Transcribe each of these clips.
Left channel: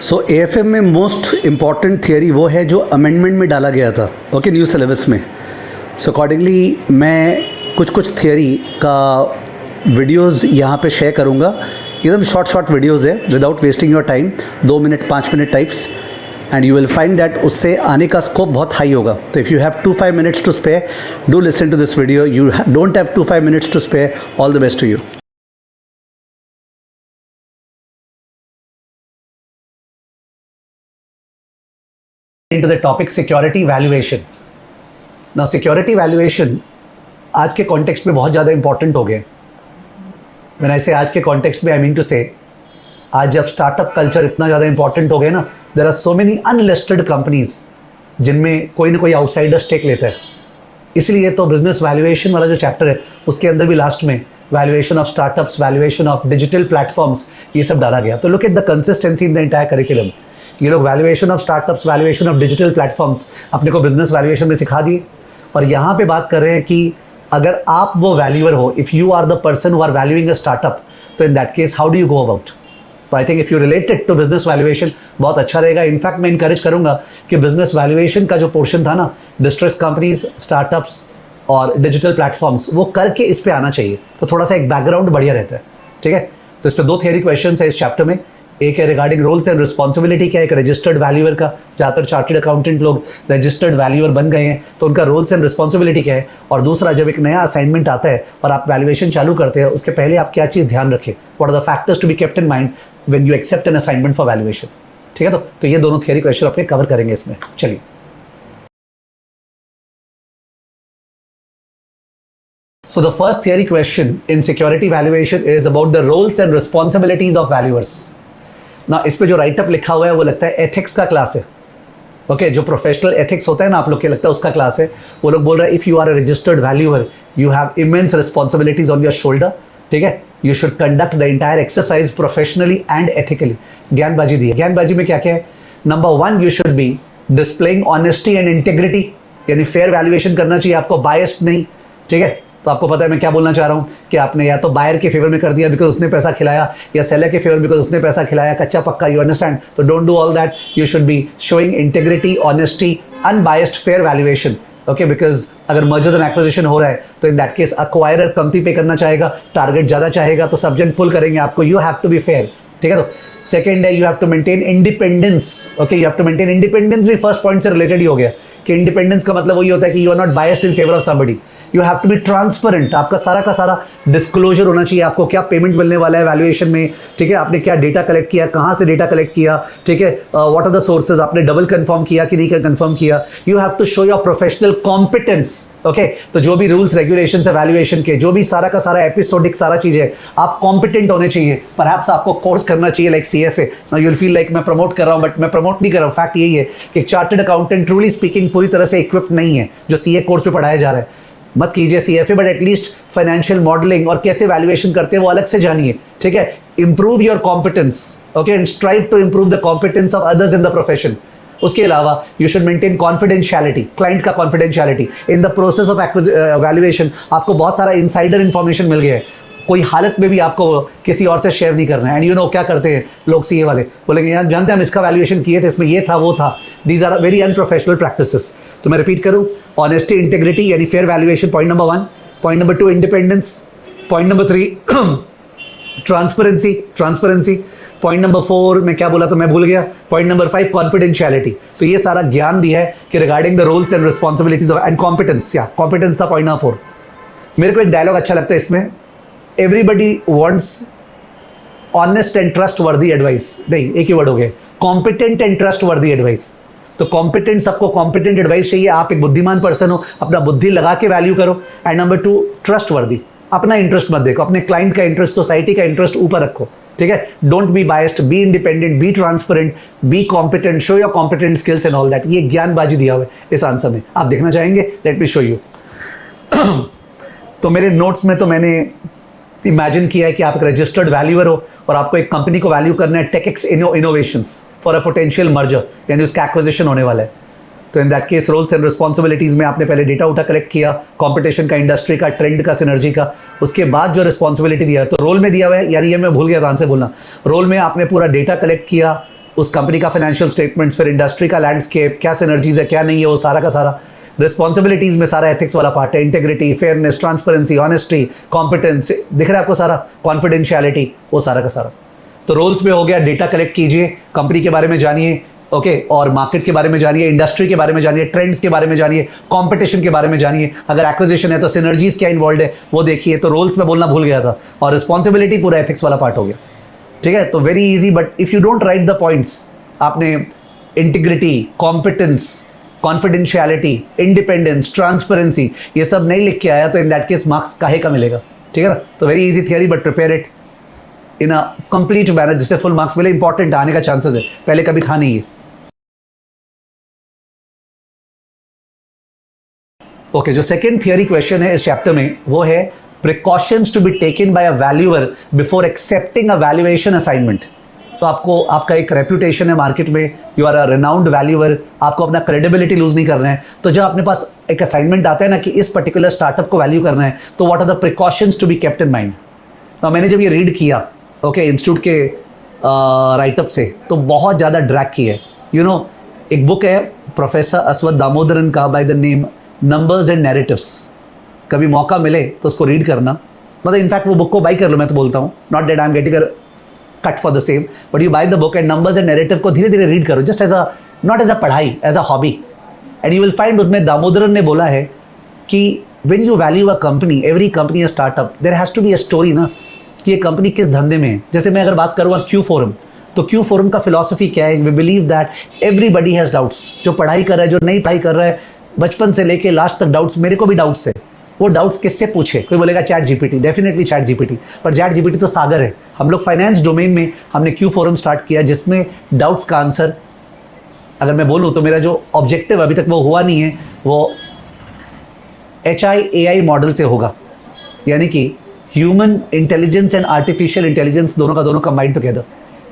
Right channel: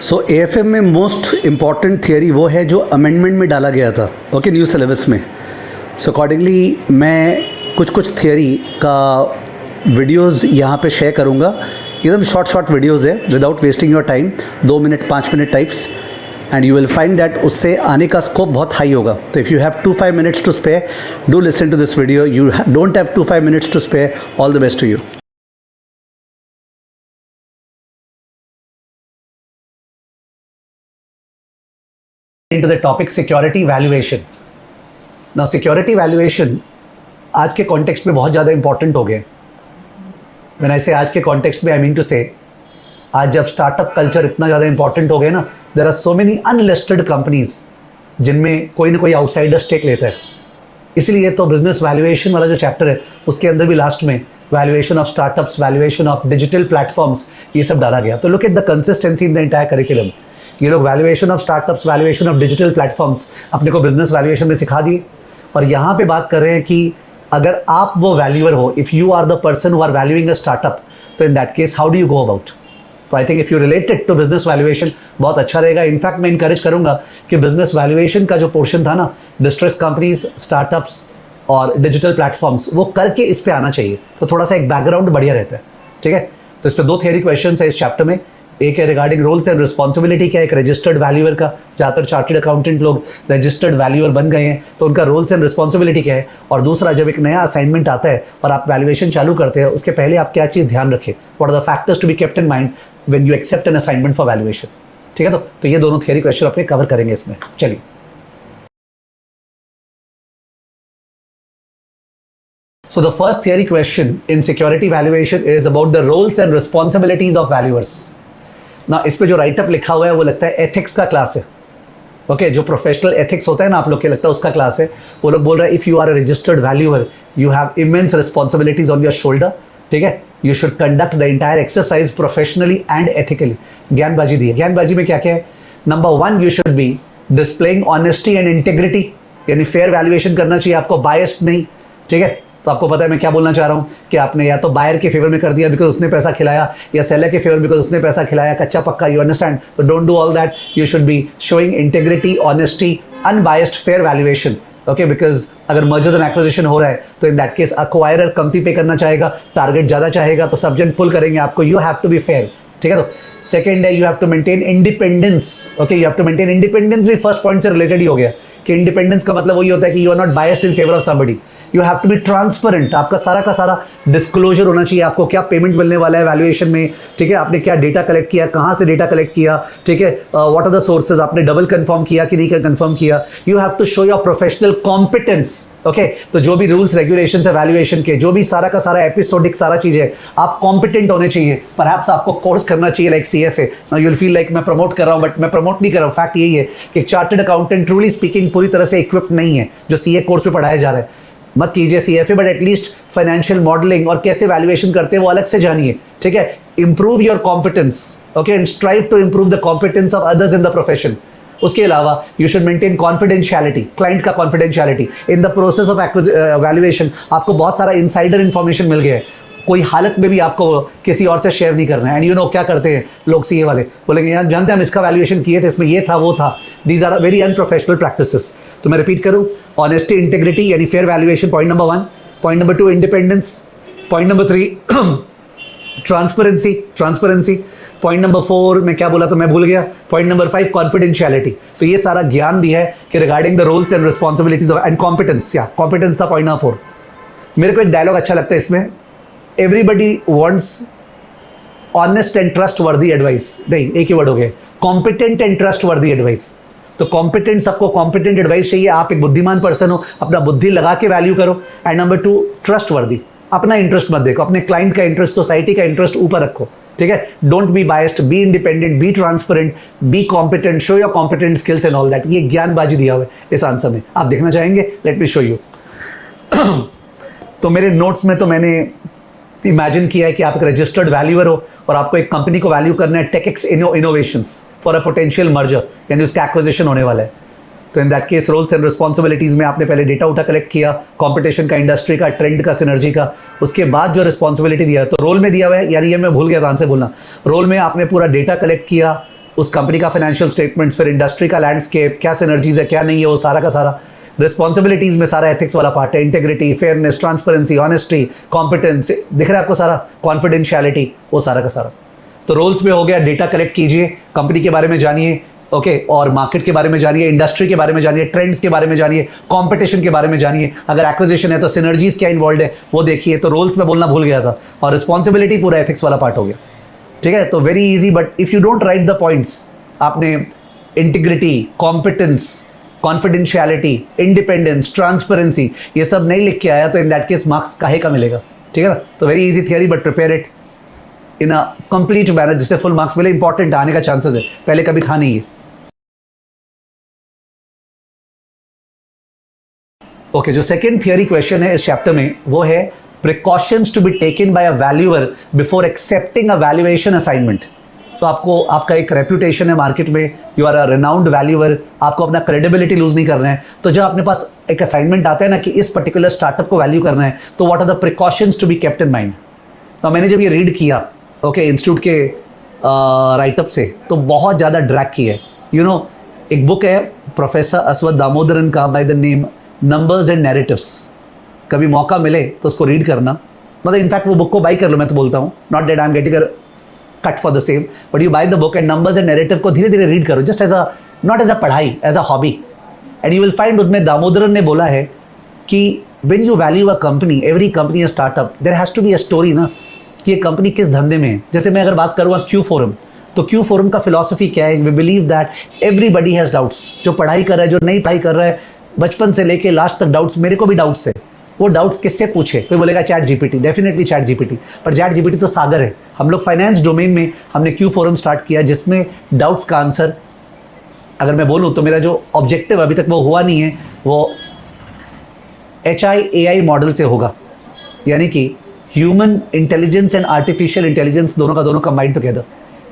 सो AFM में most important theory वो है जो अमेंडमेंट में डाला गया था, ओके, न्यू सिलेबस में. सो अकॉर्डिंगली मैं कुछ थियरी का वीडियोस यहाँ पे शेयर करूँगा. एकदम शॉर्ट वीडियोस है, without wasting your time, 2 minute 5 minute types, and you will find that उससे आने का स्कोप बहुत हाई होगा. तो if you have 2-5 minutes to spare, do listen to this video. You don't have 2-5 minutes to spare. All the best to you. Into the topic security valuation. Now security valuation आज के context में बहुत ज़्यादा important हो गए. When I say आज के context में, I mean to say आज जब स्टार्टअप कल्चर इतना ज़्यादा इंपॉर्टेंट हो गया ना, there are so many unlisted companies जिनमें कोई ना कोई आउटसाइडर स्टेक लेता है. इसलिए तो बिजनेस वैल्यूएशन वाला जो चैप्टर है उसके अंदर भी लास्ट में valuation of startups, valuation of digital platforms, ये सब डाला गया. तो look at the consistency in the entire curriculum. ये लोग valuation of startups, valuation of digital platforms अपने को बिजनेस वैल्यूएशन में सिखा दिए. और यहाँ पे बात कर रहे हैं कि अगर आप वो वैल्यूअर हो, if you are the person who are valuing a startup, तो in that case how do you go about. तो I think if you related to business valuation बहुत अच्छा रहेगा. इनफैक्ट मैं इनकरेज करूंगा कि बिजनेस वैल्यूएशन का जो पोर्शन था ना, डिस्ट्रेस कंपनीज, स्टार्टअप्स और डिजिटल प्लेटफॉर्म्स, वो करके इस पे आना चाहिए. तो थोड़ा सा एक बैकग्राउंड बढ़िया रहता है. ठीक है, तो इस पे 2 थियरी क्वेश्चन है इस चैप्टर में. एक है रिगार्डिंग रोल्स एंड रिस्पॉन्सिबिलिटी, क्या एक रजिस्टर्ड वैल्यूअर का, ज़्यादातर चार्टर्ड अकाउंटेंट लोग रजिस्टर्ड वैल्यूअर बन गए हैं, तो उनका रोल्स एंड रिस्पॉन्सिबिलिटी क्या है. और दूसरा, जब एक नया असाइनमेंट आता है और आप वैल्यूएशन चालू करते हैं, उसके पहले आप क्या चीज़ ध्यान रखें, what are the factors to be kept in mind when you accept an assignment for valuation. ठीक है, तो ये दोनों थियरी क्वेश्चन अपने कवर करेंगे इसमें. चलिए, so the first theory question in security valuation is about the roles and responsibilities of valuers. ना इस पे जो राइटअप लिखा हुआ है वो लगता है एथिक्स का क्लास है. ओके, जो प्रोफेशनल एथिक्स होता है ना आप लोग के, लगता है उसका क्लास है. वो लोग बोल रहे हैं if you are a registered valuer, you have immense responsibilities on your shoulder. ठीक है, you should conduct the entire exercise professionally and ethically. ज्ञानबाजी दी है. ज्ञानबाजी में क्या क्या है? Number 1, you should be displaying honesty and integrity, यानी फेयर वैल्यूएशन करना चाहिए आपको, बायस्ड नहीं. ठीक है, तो आपको पता है मैं क्या बोलना चाह रहा हूँ कि आपने या तो बायर के फेवर में कर दिया बिकॉज उसने पैसा खिलाया, या सेलर के फेवर में बिकॉज उसने पैसा खिलाया, कच्चा पक्का. You understand? तो don't do all that. You should be showing integrity, honesty, unbiased, fair valuation. Okay, because अगर मर्जर्स एंड एक्विजिशन हो रहा है तो इन दैट केस अक्वायरर कमती पे करना चाहेगा, टारगेट ज्यादा चाहेगा, तो सब जन पुल करेंगे आपको. You have to be fair. ठीक है, तो सेकंड है you have to maintain independence. Okay, you have to maintain independence भी फर्स्ट पॉइंट से रिलेटेड ही हो गया कि इंडिपेंडेंस का मतलब वही होता है कि you are not biased in favour of somebody. You have to be transparent. आपका सारा का सारा डिस्क्लोजर होना चाहिए. आपको क्या पेमेंट मिलने वाला है वैल्यूएशन में, ठीक है, आपने क्या डेटा कलेक्ट किया, कहाँ से डेटा कलेक्ट किया, ठीक है, व्हाट आर द सोर्सेज, आपने डबल कंफर्म किया कि नहीं कंफर्म किया. You have to show your professional competence. Okay, तो जो भी रूल्स रेगुलेशंस है वैल्यूएशन के, जो भी सारा का सारा एपिसोडिक सारा चीज है, आप कॉम्पिटेंट होने चाहिए. परहैप्स आपको कोर्स करना चाहिए like CFA. Now you will feel like मैं प्रमोट कर रहा हूं, बट मैं प्रमोट नहीं कर रहा हूं. फैक्ट यही है कि चार्टर्ड अकाउंटेंट ट्रूली स्पीकिंग पूरी तरह से इक्विप्ड नहीं है जो सीए कोर्स पे पढ़ाया जा रहा है. मत कीजिए CFA, but at least financial modelling और कैसे वैल्यूएशन करते हैं वो अलग से जानिए. ठीक है, improve your competence. Okay, and strive to improve the competence of others in the profession. उसके अलावा you should maintain confidentiality, client का confidentiality. In the process of valuation आपको बहुत सारा इनसाइडर इंफॉर्मेशन मिल गया है, कोई हालत में भी आपको किसी और से शेयर नहीं कर रहा है. एंड यू नो क्या करते हैं लोग सीए वाले, बोलेंगे यार जानते हैं हम इसका वैल्यूएशन किए थे, इसमें ये था वो था. These are very unprofessional practices. तो मैं रिपीट करूं, ऑनेस्टी, इंटीग्रिटी यानी fair valuation, point number 1. Point number 2, independence. Point number 3, transparency. Point number 4 मैं क्या बोला था मैं भूल गया. Point number 5, confidentiality. तो ये सारा ज्ञान दिया है कि regarding the rules and responsibilities and competence. या कॉम्पिटेंस था पॉइंट नंबर 4. मेरे को एक डायलॉग अच्छा लगता है इसमें, everybody wants honest and trustworthy advice. नहीं, एक ही वर्ड हो गया, कॉम्पिटेंट एंड ट्रस्टवर्दी एडवाइस. तो कॉम्पिटेंट, सबको कॉम्पिटेंट एडवाइस चाहिए. आप एक बुद्धिमान पर्सन हो, अपना बुद्धि लगा के वैल्यू करो. And number 2, trustworthy. अपना इंटरेस्ट मत देखो, अपने क्लाइंट का इंटरेस्ट, सोसाइटी का इंटरेस्ट ऊपर रखो. ठीक है, don't be biased, be independent, be transparent, be competent, show your competent skills and all that. ये ज्ञानबाजी दिया हुआ है इस आंसर में. आप देखना चाहेंगे? Let me show you. तो मेरे नोट्स में तो मैंने इमेजिन किया है कि आप एक रजिस्टर्ड वैल्यूअर हो और आपको एक कंपनी को वैल्यू करना है TechX innovations for a potential merger, यानी उसका एक्विजिशन होने वाला है. तो in that case roles and responsibilities में आपने पहले डेटा उठा कलेक्ट किया, कंपटीशन का, इंडस्ट्री का, ट्रेंड का, सिनर्जी का. उसके बाद जो रिस्पॉन्सिबिलिटी दिया है, तो रोल में दिया हुआ है, यार ये मैं भूल गया था आंसर बोलना. रोल में आपने पूरा डेटा कलेक्ट किया, उस कंपनी का फाइनेंशियल स्टेटमेंट्स, फिर इंडस्ट्री का लैंडस्केप, क्या सिनर्जीज है क्या नहीं है, वो सारा का सारा। रिस्पॉन्सिबिलिटीज में सारा एथिक्स वाला पार्ट है, integrity, fairness, transparency, honesty, competence, दिख रहा है आपको सारा, कॉन्फिडेंशियलिटी, वो सारा का सारा। तो रोल्स में हो गया, डेटा कलेक्ट कीजिए, कंपनी के बारे में जानिए, ओके, और मार्केट के बारे में जानिए, इंडस्ट्री के बारे में जानिए, ट्रेंड्स के बारे में जानिए, कंपटीशन के बारे में जानिए, अगर एक्विजिशन है तो सिनर्जीज क्या इन्वॉल्व है वो देखिए। तो रोल्स में बोलना भूल गया था, और रिस्पॉन्सिबिलिटी पूरा एथिक्स वाला पार्ट हो गया, ठीक है। तो very easy, but if you don't write the points, आपने integrity, competence, confidentiality, independence, transparency ये सब नहीं लिख के आया तो इन दैट केस मार्क्स काहे का मिलेगा, ठीक है ना। तो very easy theory, but prepare it in a complete manner जिससे फुल मार्क्स मिले। इंपॉर्टेंट आने का चांसेस है, पहले कभी था नहीं है। ओके, जो सेकंड थियरी क्वेश्चन है इस चैप्टर में वो है precautions to be taken by a valuer before accepting a valuation assignment. तो आपको, आपका एक रेप्यूटेशन है मार्केट में, you are a renowned valuer, आपको अपना क्रेडिबिलिटी लूज नहीं करना है। तो जब अपने पास एक असाइनमेंट आता है ना कि इस पर्टिकुलर स्टार्टअप को वैल्यू करना है, तो what are the precautions to be kept in mind. तो मैंने जब ये रीड किया, ओके, इंस्टीट्यूट के राइटअप से, तो बहुत ज़्यादा ड्रैग की है। यू नो, एक बुक है प्रोफेसर अश्वथ दामोदरन का by the name numbers and narratives. कभी मौका मिले तो उसको रीड करना, मतलब इनफैक्ट वो बुक को बाई कर लो, मैं तो बोलता हूँ, not that I am getting a cut for the same, but you buy the book and numbers and narrative को धीरे धीरे रीड करो, just as a, not as a पढ़ाई, as a hobby, and you will find उसमें दामोदरन ने बोला है कि when you value a company, every company, a startup, there has to be a story ना, कि ये कंपनी किस धंधे में है। जैसे मैं अगर बात करूँ क्यू फोरम, तो क्यू फोरम का फिलॉसफी क्या है, we believe that everybody has doubts. जो पढ़ाई कर रहा है, जो नहीं पढ़ाई कर रहा है, बचपन से लेके लास्ट तक डाउट्स, मेरे को भी डाउट्स है। वो डाउट्स किससे पूछे, कोई बोलेगा chat GPT, definitely chat GPT, पर चैट जीपीटी तो सागर है। हम लोग फाइनेंस डोमेन में हमने क्यू फोरम स्टार्ट किया, जिसमें डाउट्स का आंसर, अगर मैं बोलूँ तो मेरा जो ऑब्जेक्टिव अभी तक वो हुआ नहीं है, वो HI-AI मॉडल से होगा, यानी कि human intelligence and artificial intelligence दोनों का दोनों कंबाइंड टुगेदर।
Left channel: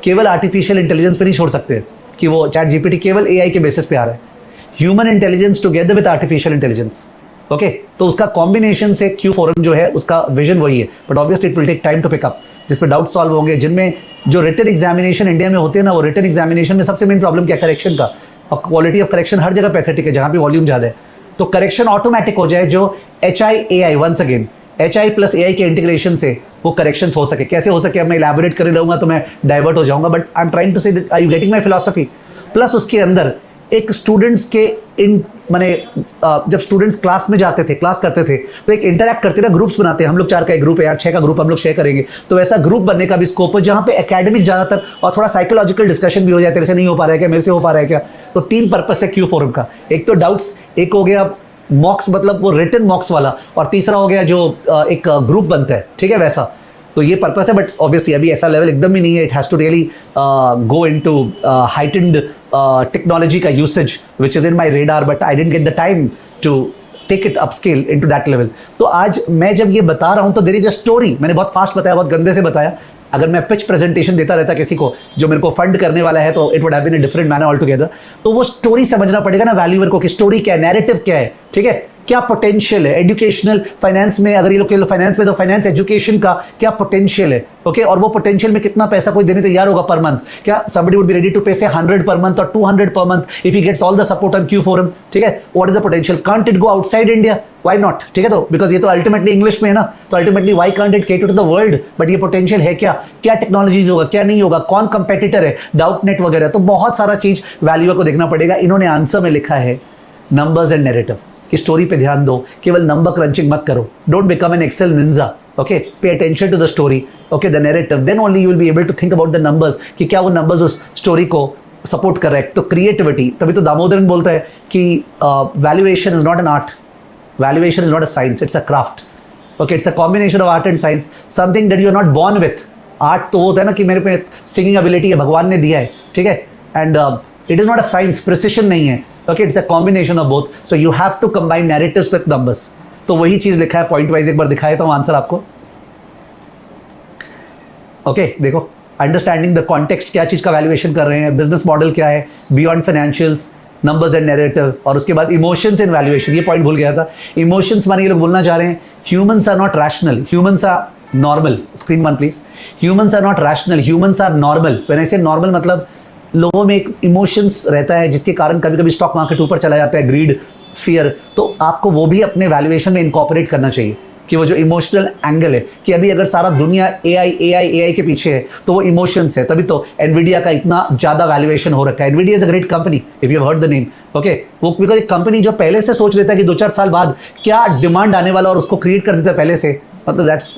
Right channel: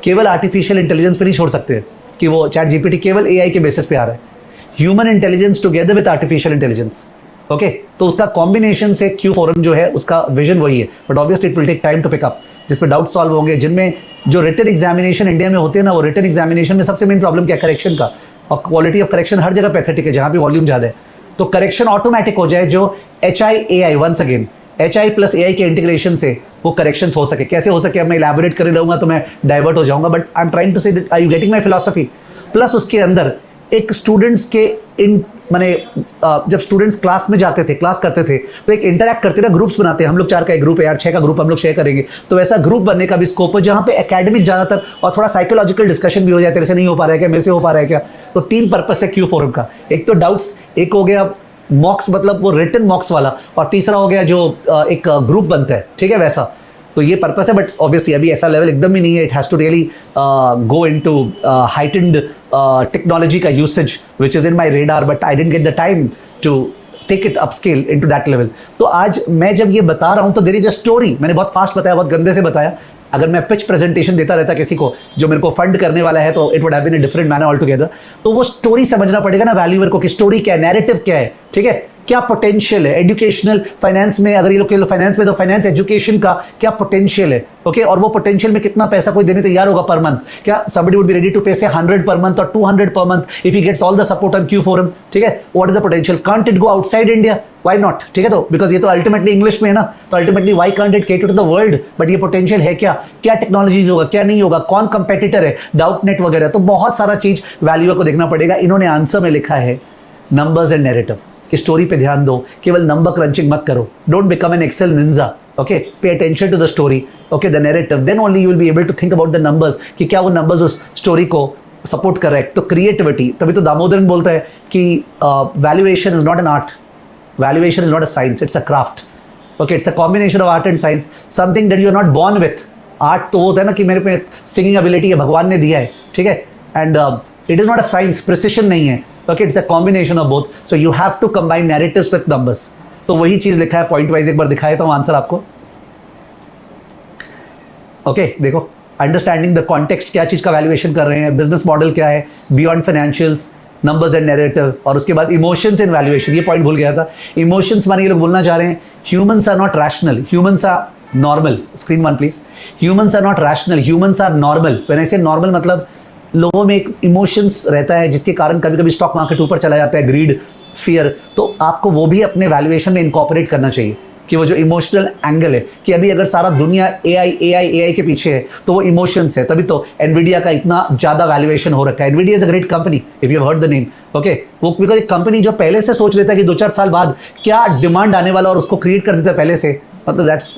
केवल आर्टिफिशियल इंटेलिजेंस पे नहीं छोड़ सकते कि वो चैट जीपीटी केवल AI के बेसिस पे आ रहा है। Human intelligence together with artificial intelligence, okay, तो उसका कॉम्बिनेशन से क्यू फोरम जो है उसका विजन वही है, but obviously it will take time to pick up, जिसपे डाउट सॉल्व होंगे, जिनमें जो रिटन एग्जामिनेशन इंडिया में होते हैं ना, वो रिटन एग्जामिनेशन में सबसे मेन प्रॉब्लम क्या है, करेक्शन का, और क्वालिटी ऑफ करेक्शन हर जगह पैथेटिक है जहां पे वॉल्यूम ज्यादा है। तो करेक्शन ऑटोमेटिक हो जाए, जो HI-AI, once again HI plus AI के इंटीग्रेशन से वो करेक्शन हो सके। कैसे हो सके, अब मैं इलैबोरेट कर रहूंगा तो मैं डाइवर्ट हो जाऊंगा, but I am trying to say, are you getting my philosophy. Plus उसके अंदर एक स्टूडेंट्स के इन माने जब स्टूडेंट्स क्लास में जाते थे, क्लास करते थे, तो एक इंटरैक्ट करते ना, ग्रुप्स बनाते हैं, हम लोग 4 का एक ग्रुप है यार, 6 का ग्रुप हम लोग शेयर करेंगे, तो ऐसा ग्रुप बनने का भी स्कोप है, जहां पे एकेडमिक ज्यादातर और थोड़ा साइकोलॉजिकल डिस्कशन भी हो जाए, तेरे से नहीं हो पा रहा है क्या, मेरे से हो पा रहा है क्या। तो 3 पर्पस है क्यू फोरम का, एक तो डाउट्स, एक हो गया मॉक्स, मतलब वो रिटन मॉक्स वाला, और तीसरा हो गया जो एक ग्रुप बनता है, ठीक है, वैसा। तो ये पर्पस है, बट ऑब्वियसली अभी ऐसा लेवल एकदम ही नहीं है, it has to really go into heightened technology का usage which is in my radar, but I didn't get the time to take it upscale into that level. तो आज मैं जब ये बता रहा हूं तो देयर इज अ स्टोरी, मैंने बहुत फास्ट बताया, बहुत गंदे से बताया। अगर मैं पिच प्रेजेंटेशन देता रहता किसी को जो मेरे को फंड करने वाला है, तो it would have been a different manner altogether. तो वो स्टोरी समझना पड़ेगा ना वैल्यूअर को, कि स्टोरी क्या है, नैरेटिव क्या है, ठीक है, क्या पोटेंशियल है एजुकेशनल फाइनेंस में, अगर ये लोग फाइनेंस में, तो फाइनेंस एजुकेशन का क्या पोटेंशियल है, ओके, और वो पोटेंशियल में कितना पैसा कोई देने तैयार होगा पर मंथ, क्या somebody would be ready to pay say 100 per month or 200 per month if he gets all the support on Q forum, ठीक है, what is the potential, can't it go outside India, why not, ठीक है, तो because ये तो ultimately English में है ना, तो ultimately why can't it cater to the world, but ये पोटेंशियल है क्या, क्या टेक्नोलॉजीज होगा, क्या नहीं होगा, कौन कंपेटिटर है, डाउट नेट वगैरह, तो बहुत सारा चीज वैल्यूअर को देखना पड़ेगा। इन्होंने आंसर में लिखा है नंबर्स एंड नैरेटिव, कि स्टोरी पे ध्यान दो, केवल नंबर क्रंचिंग मत करो, don't become an Excel ninja, okay, pay attention to the story, okay, the narrative, then only you will be able to think about the numbers, कि क्या वो नंबर्स उस स्टोरी को सपोर्ट कर रहे हैं। तो क्रिएटिविटी, तभी तो दामोदरन बोलता है कि valuation is not an art, valuation is not a science, it's a craft, okay, it's a combination of art and science, something that you are not born with. Art तो होता है ना कि मेरे पे सिंगिंग एबिलिटी है, भगवान ने दिया है, ठीक है, and it is not a science, precision नहीं है, okay, it's a combination of both, so you have to combine narratives with numbers। तो वही चीज लिखा है पॉइंट वाइज, एक बार दिखाया तो आंसर आपको, ओके, देखो, अंडरस्टैंडिंग द कॉन्टेक्स्ट, क्या चीज का वैल्यूएशन कर रहे हैं, बिजनेस मॉडल क्या है, beyond financials, numbers and narrative, और उसके बाद इमोशंस इन वैल्यूएशन, ये पॉइंट भूल गया था। इमोशंस माने ये लोग बोलना चाह रहे हैं humans are not rational, humans are normal, screen one please, humans are not rational, humans are normal. When I say normal, मतलब लोगों में एक इमोशंस रहता है जिसके कारण कभी कभी स्टॉक मार्केट ऊपर चला जाता है, ग्रीड, फियर, तो आपको वो भी अपने वैल्यूएशन में इनकॉर्पोरेट करना चाहिए कि वो जो इमोशनल एंगल है कि अभी अगर सारा दुनिया एआई के पीछे है तो वो इमोशंस है, तभी तो एनवीडिया का इतना ज्यादा वैल्यूएशन हो रखा है। Nvidia is a great company, if you have heard the name, okay. वो बिकॉज एक कंपनी जो पहले से सोच लेता है कि 2-4 साल बाद क्या डिमांड आने वाला और उसको क्रिएट कर देता है पहले से, मतलब that's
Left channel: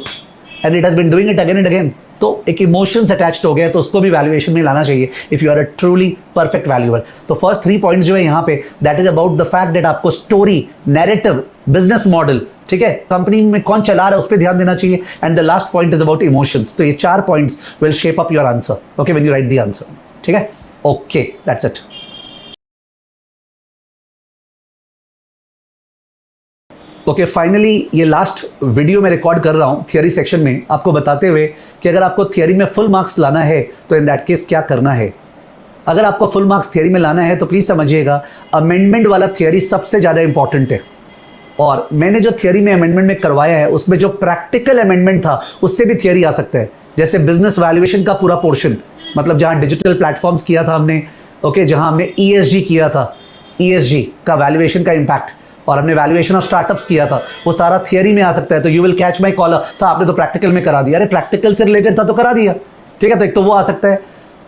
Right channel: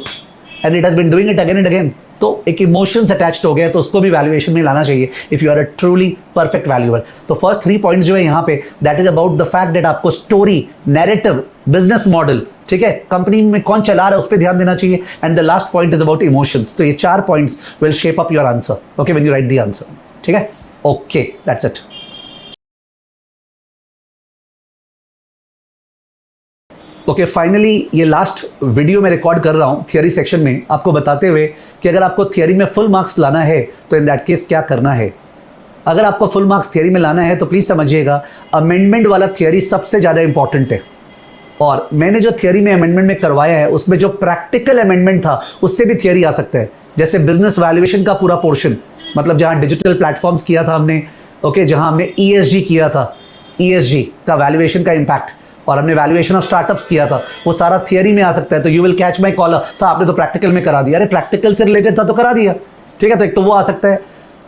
and it has been doing it again and again. तो एक इमोशंस अटैच्ड हो गया तो उसको भी वैल्यूएशन में लाना चाहिए if you are a truly perfect valuer. तो फर्स्ट 3 पॉइंट्स जो है यहाँ पे, that is about the fact that आपको स्टोरी, नैरेटिव, बिजनेस मॉडल, ठीक है, कंपनी में कौन चला रहा है उस पर ध्यान देना चाहिए। And the last point is about emotions. तो ये 4 points will shape up your answer, okay, when you right the answer, ठीक है, okay, that's it. Okay, finally ये लास्ट वीडियो मैं रिकॉर्ड कर रहा हूं थियरी सेक्शन में आपको बताते हुए कि अगर आपको थियरी में फुल मार्क्स लाना है तो इन दैट केस क्या करना है। अगर आपको फुल मार्क्स थियरी में लाना है तो प्लीज समझिएगा, अमेंडमेंट वाला थियरी सबसे ज्यादा इंपॉर्टेंट है। और मैंने जो थियरी में अमेंडमेंट में करवाया है उसमें जो प्रैक्टिकल अमेंडमेंट था उससे भी थियरी आ सकता है। जैसे बिजनेस वैल्यूएशन का पूरा पोर्शन, मतलब जहां डिजिटल प्लेटफॉर्म्स किया था हमने, ओके, जहां हमने ईएसजी किया था, ईएसजी का वैल्यूएशन का इंपैक्ट, और हमने वैल्यूएशन ऑफ स्टार्टअप्स किया था, वो सारा थियरी में आ सकता है। तो you will catch my collar, sir आपने तो प्रैक्टिकल में करा दिया। अरे प्रैक्टिकल से रिलेटेड था तो करा दिया, ठीक है, तो एक तो वो आ सकता है।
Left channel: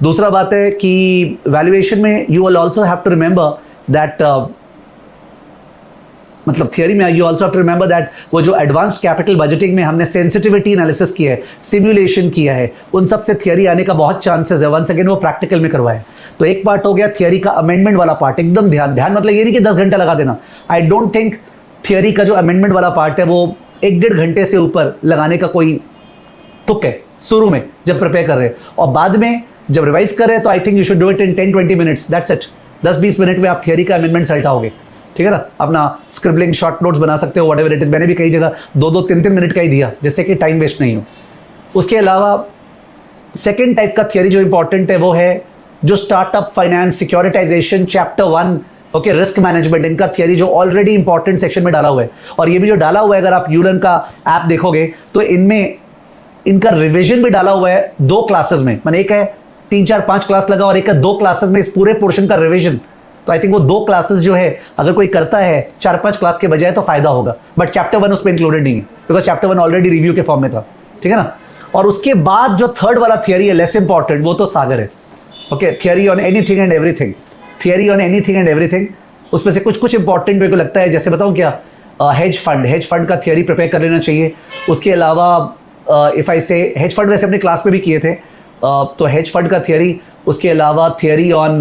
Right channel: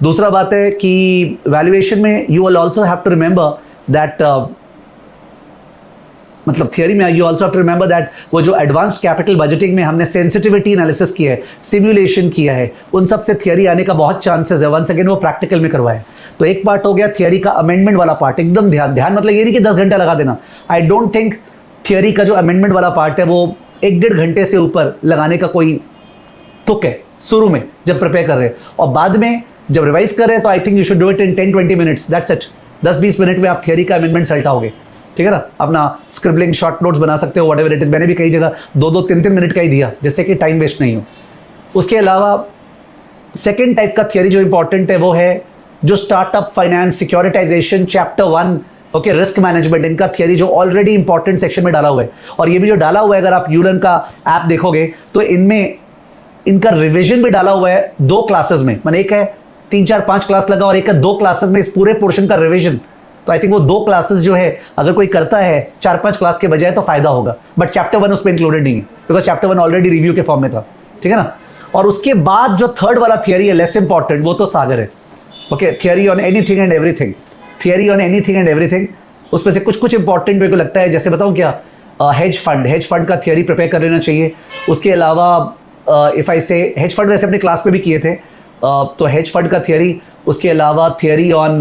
दूसरा बात है कि वैल्यूएशन में you will also have to remember that, मतलब थियरी में you also have to remember that वो जो एडवांस्ड कैपिटल बजटिंग में हमने सेंसिटिविटी एनालिसिस किया है, सिमुलेशन किया है, उन सब से थियरी आने का बहुत चांसेस है। वंस अगेन वो प्रैक्टिकल में करवाए। तो एक पार्ट हो गया थियरी का अमेंडमेंट वाला पार्ट, एकदम ध्यान मतलब ये नहीं कि 10 घंटा लगा देना। आई डोंट थिंक थियरी का जो अमेंडमेंट वाला पार्ट है वो 1-1.5 घंटे से ऊपर लगाने का कोई तुक है शुरू में जब प्रिपेयर कर रहे हैं, और बाद में जब रिवाइज कर रहे हैं तो I think you should do it in 10-20 minutes, that's it. 10-20 minute में आप थियरी का अमेंडमेंट सल्टाओगे, ठीक है ना। अपना स्क्रिबलिंग शॉर्ट नोट्स बना सकते हो, व्हाटएवर इट इज। मैंने भी कई जगह 2-2, 3-3 मिनट का ही दिया जिससे कि टाइम वेस्ट नहीं हो। उसके अलावा सेकेंड टाइप का थियरी जो इंपॉर्टेंट है वो है जो startup finance, securitization, chapter 1, okay, risk management, इनका थियरी जो ऑलरेडी इंपॉर्टेंट सेक्शन में डाला हुआ है। और ये भी जो डाला हुआ है, अगर आप यूलन का ऐप देखोगे तो इनमें इनका रिवीजन भी डाला हुआ है 2 क्लासेस में, मतलब एक है 3-4-5 क्लास लगा और एक है 2 क्लासेस में इस पूरे पोर्शन का रिवीजन। तो आई थिंक वो 2 क्लासेस जो है अगर कोई करता है 4-5 क्लास के बजाय तो फायदा होगा। बट चैप्टर 1 उसमें इंक्लूडेड नहीं है बिकॉज चैप्टर 1 ऑलरेडी रिव्यू के फॉर्म में था, ठीक है ना। और उसके बाद जो थर्ड वाला थियरी है लेस इंपॉर्टेंट, वो तो सागर है, okay, theory on anything and everything, theory on anything and everything. उसमें से कुछ इंपॉर्टेंट मेरे को लगता है, जैसे बताऊं क्या, हेज फंड का थियरी प्रिपेयर कर लेना चाहिए। उसके अलावा इफ आई से हेज फंड वैसे अपने क्लास में भी किए थे, तो हेज फंड का थियरी, उसके अलावा थियरी ऑन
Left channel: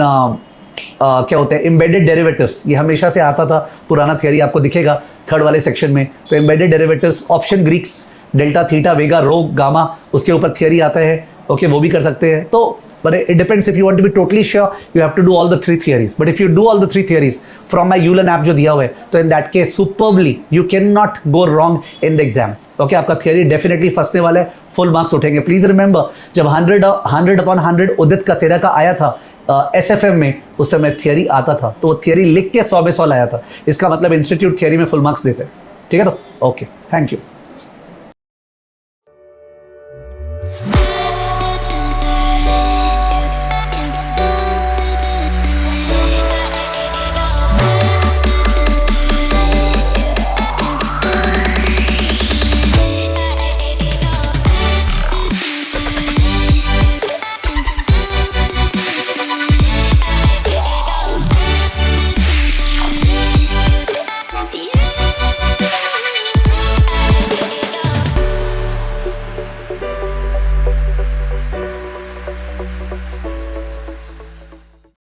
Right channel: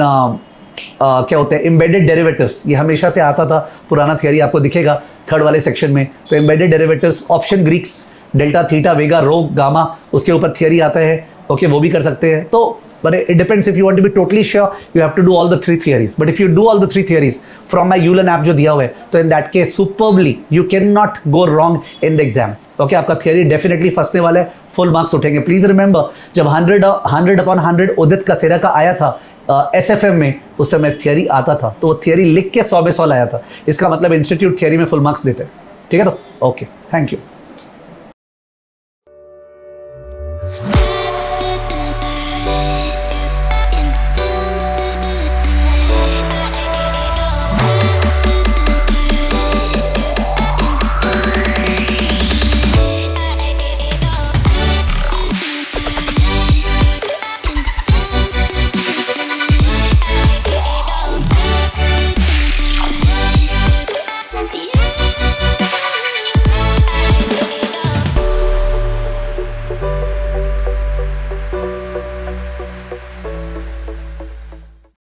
क्या होते हैं एम्बेडेड डेरिवेटिव्स, ये हमेशा से आता था, पुराना थियरी आपको दिखेगा थर्ड वाले सेक्शन में। तो embedded derivatives, option Greeks, delta, theta, vega, rho, gamma, उसके ऊपर थियरी आता है, ओके, वो भी कर सकते हैं। तो but it depends, if you want to be totally sure you have to do all the 3 theories, but if you do all the 3 theories from my Ulan app जो दिया हुआ है, तो in that case superbly you cannot go wrong in the exam, okay, आपका theory definitely फंसने वाला है, full marks उठेंगे। प्लीज रिमेंबर जब 100/100 उदित कसेरा का आया था SFM में, उस समय थियरी आता था, तो थियरी लिख के 100 में 100 लाया था। इसका मतलब इंस्टीट्यूट थियरी में फुल मार्क्स देते हैं, ठीक है। तो ओके, थैंक यू।